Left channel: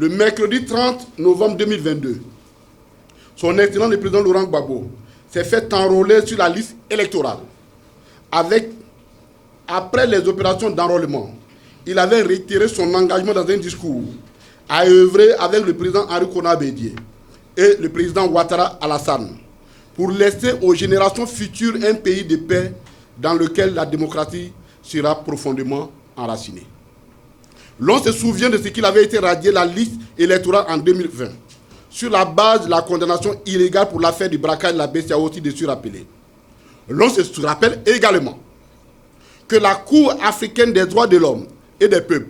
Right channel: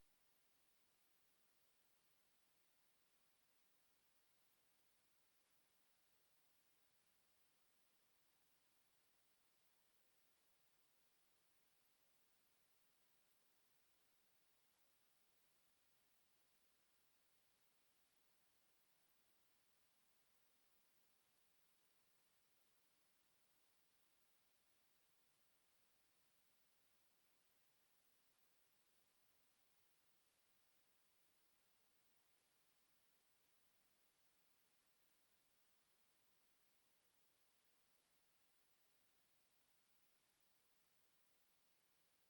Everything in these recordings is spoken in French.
le mercredi 30 novembre 2022, son Excellence le président Laurent Gbagbo s'est fait enrôler sur la liste électorale. Après les opérations d'enrôlement, il avait réitéré son engagement dans un discours à œuvrer avec le président Henri Konan Bédié et le président Ouattara Alassane pour laisser aux générations futures un pays de paix dans lequel la démocratie sera profondément enracinée. L'on se souvient de ce qu'il avait été radié la liste électorale en 2020 sur la base de la condamnation illégale pour l'affaire du braquage de la BCAO aussi dessus rappelé. L'on se rappelle également que la Cour africaine des droits de l'homme et des peuples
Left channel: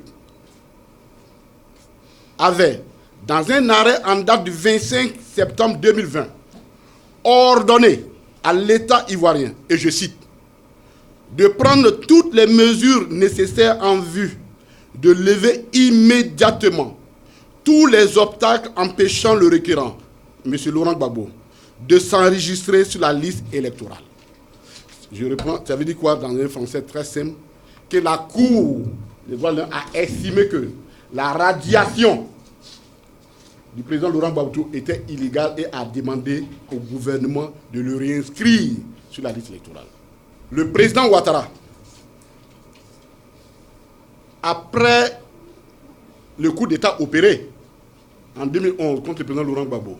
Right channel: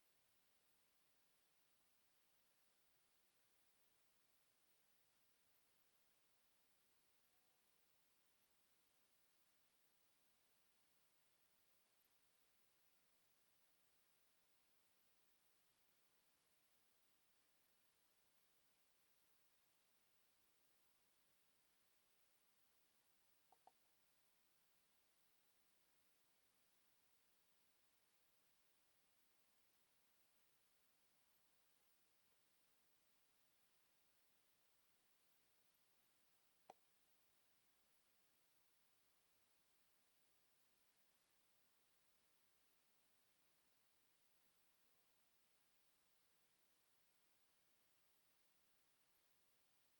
avait, dans un arrêt en date du 25 septembre 2020, ordonné à l'État ivoirien, et je cite, de prendre toutes les mesures nécessaires en vue de lever immédiatement tous les obstacles empêchant le requérant, M. Laurent Gbagbo, de s'enregistrer sur la liste électorale. Je reprends, ça veut dire quoi dans un français très simple? Que la Cour des droits de l'homme a estimé que la radiation du président Laurent Gbagbo était illégale et a demandé au gouvernement de le réinscrire sur la liste électorale. Le président Ouattara, après le coup d'État opéré en 2011 contre le président Laurent Gbagbo,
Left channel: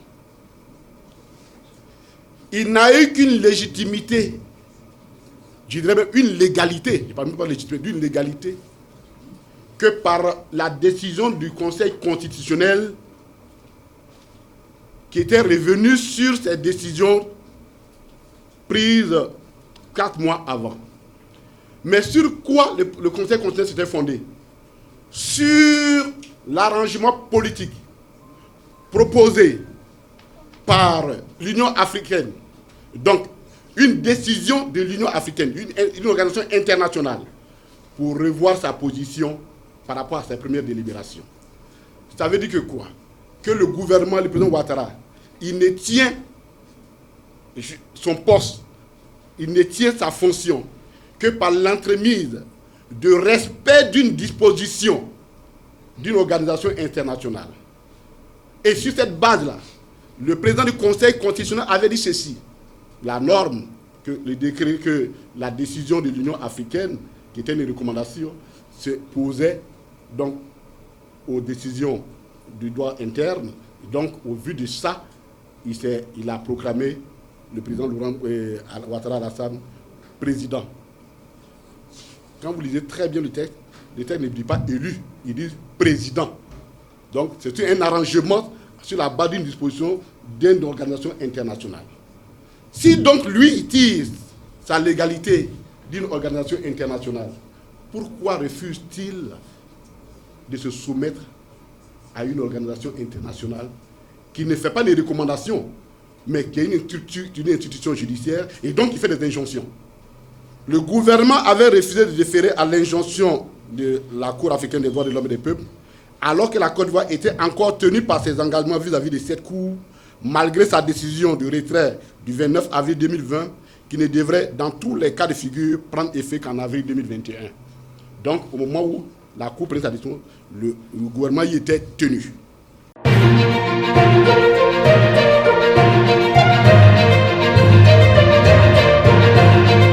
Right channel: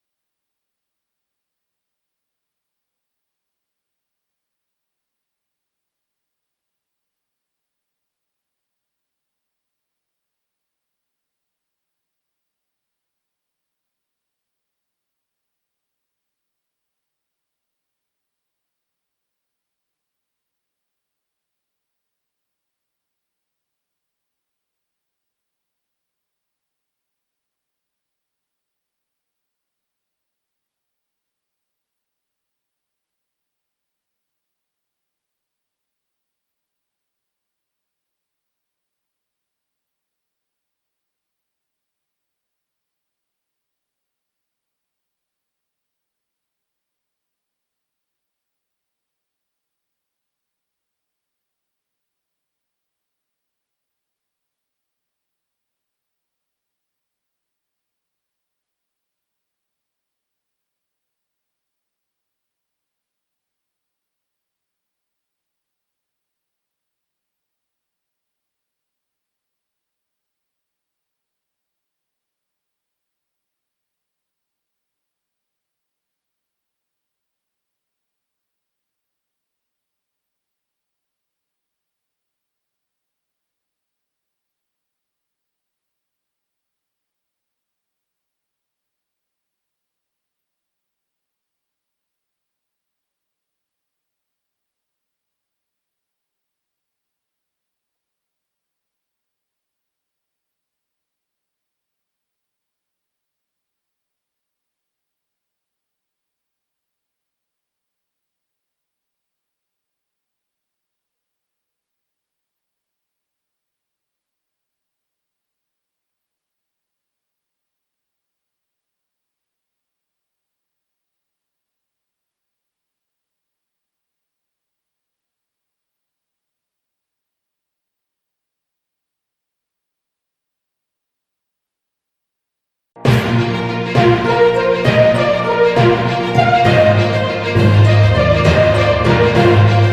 il n'a eu qu'une légitimité, je dirais même une légalité, je ne parle même pas de légitimité, d'une légalité, que par la décision du Conseil constitutionnel qui était revenu sur ces décisions prises 4 mois avant. Mais sur quoi le Conseil constitutionnel s'était fondé? Sur l'arrangement politique proposé par l'Union africaine. Donc, une décision de l'Union africaine, une organisation internationale, pour revoir sa position par rapport à ses premières délibérations. Ça veut dire que quoi? Que le gouvernement, le président Ouattara, il ne tient son poste, il ne tient sa fonction que par l'entremise de respect d'une disposition d'une organisation internationale. Et sur cette base-là, le président du Conseil constitutionnel avait dit ceci: la norme, le décret, que la décision de l'Union africaine, qui était une recommandation, se posait donc aux décisions du droit interne. Donc, au vu de ça, il a proclamé le président Laurent Ouattara Alassane président. Quand vous lisez très bien le texte ne dit pas élu, il dit président. Donc, c'est un arrangement sur la base d'une disposition d'une organisation internationale. Si donc lui il tire sa légalité d'une organisation internationale, pourquoi refuse-t-il de se soumettre à une organisation internationale qui ne fait pas les recommandations, mais qui est une institution judiciaire, et donc qui fait des injonctions? Le gouvernement avait refusé de déférer à l'injonction de la Cour africaine des droits de l'homme et des peuples, alors que la Côte d'Ivoire était encore tenue par ses engagements vis-à-vis de cette Cour, malgré sa décision de retrait du 29 avril 2020, qui ne devrait, dans tous les cas de figure, prendre effet qu'en avril 2021. Donc, au moment où la Cour prenait sa décision, le gouvernement y était tenu.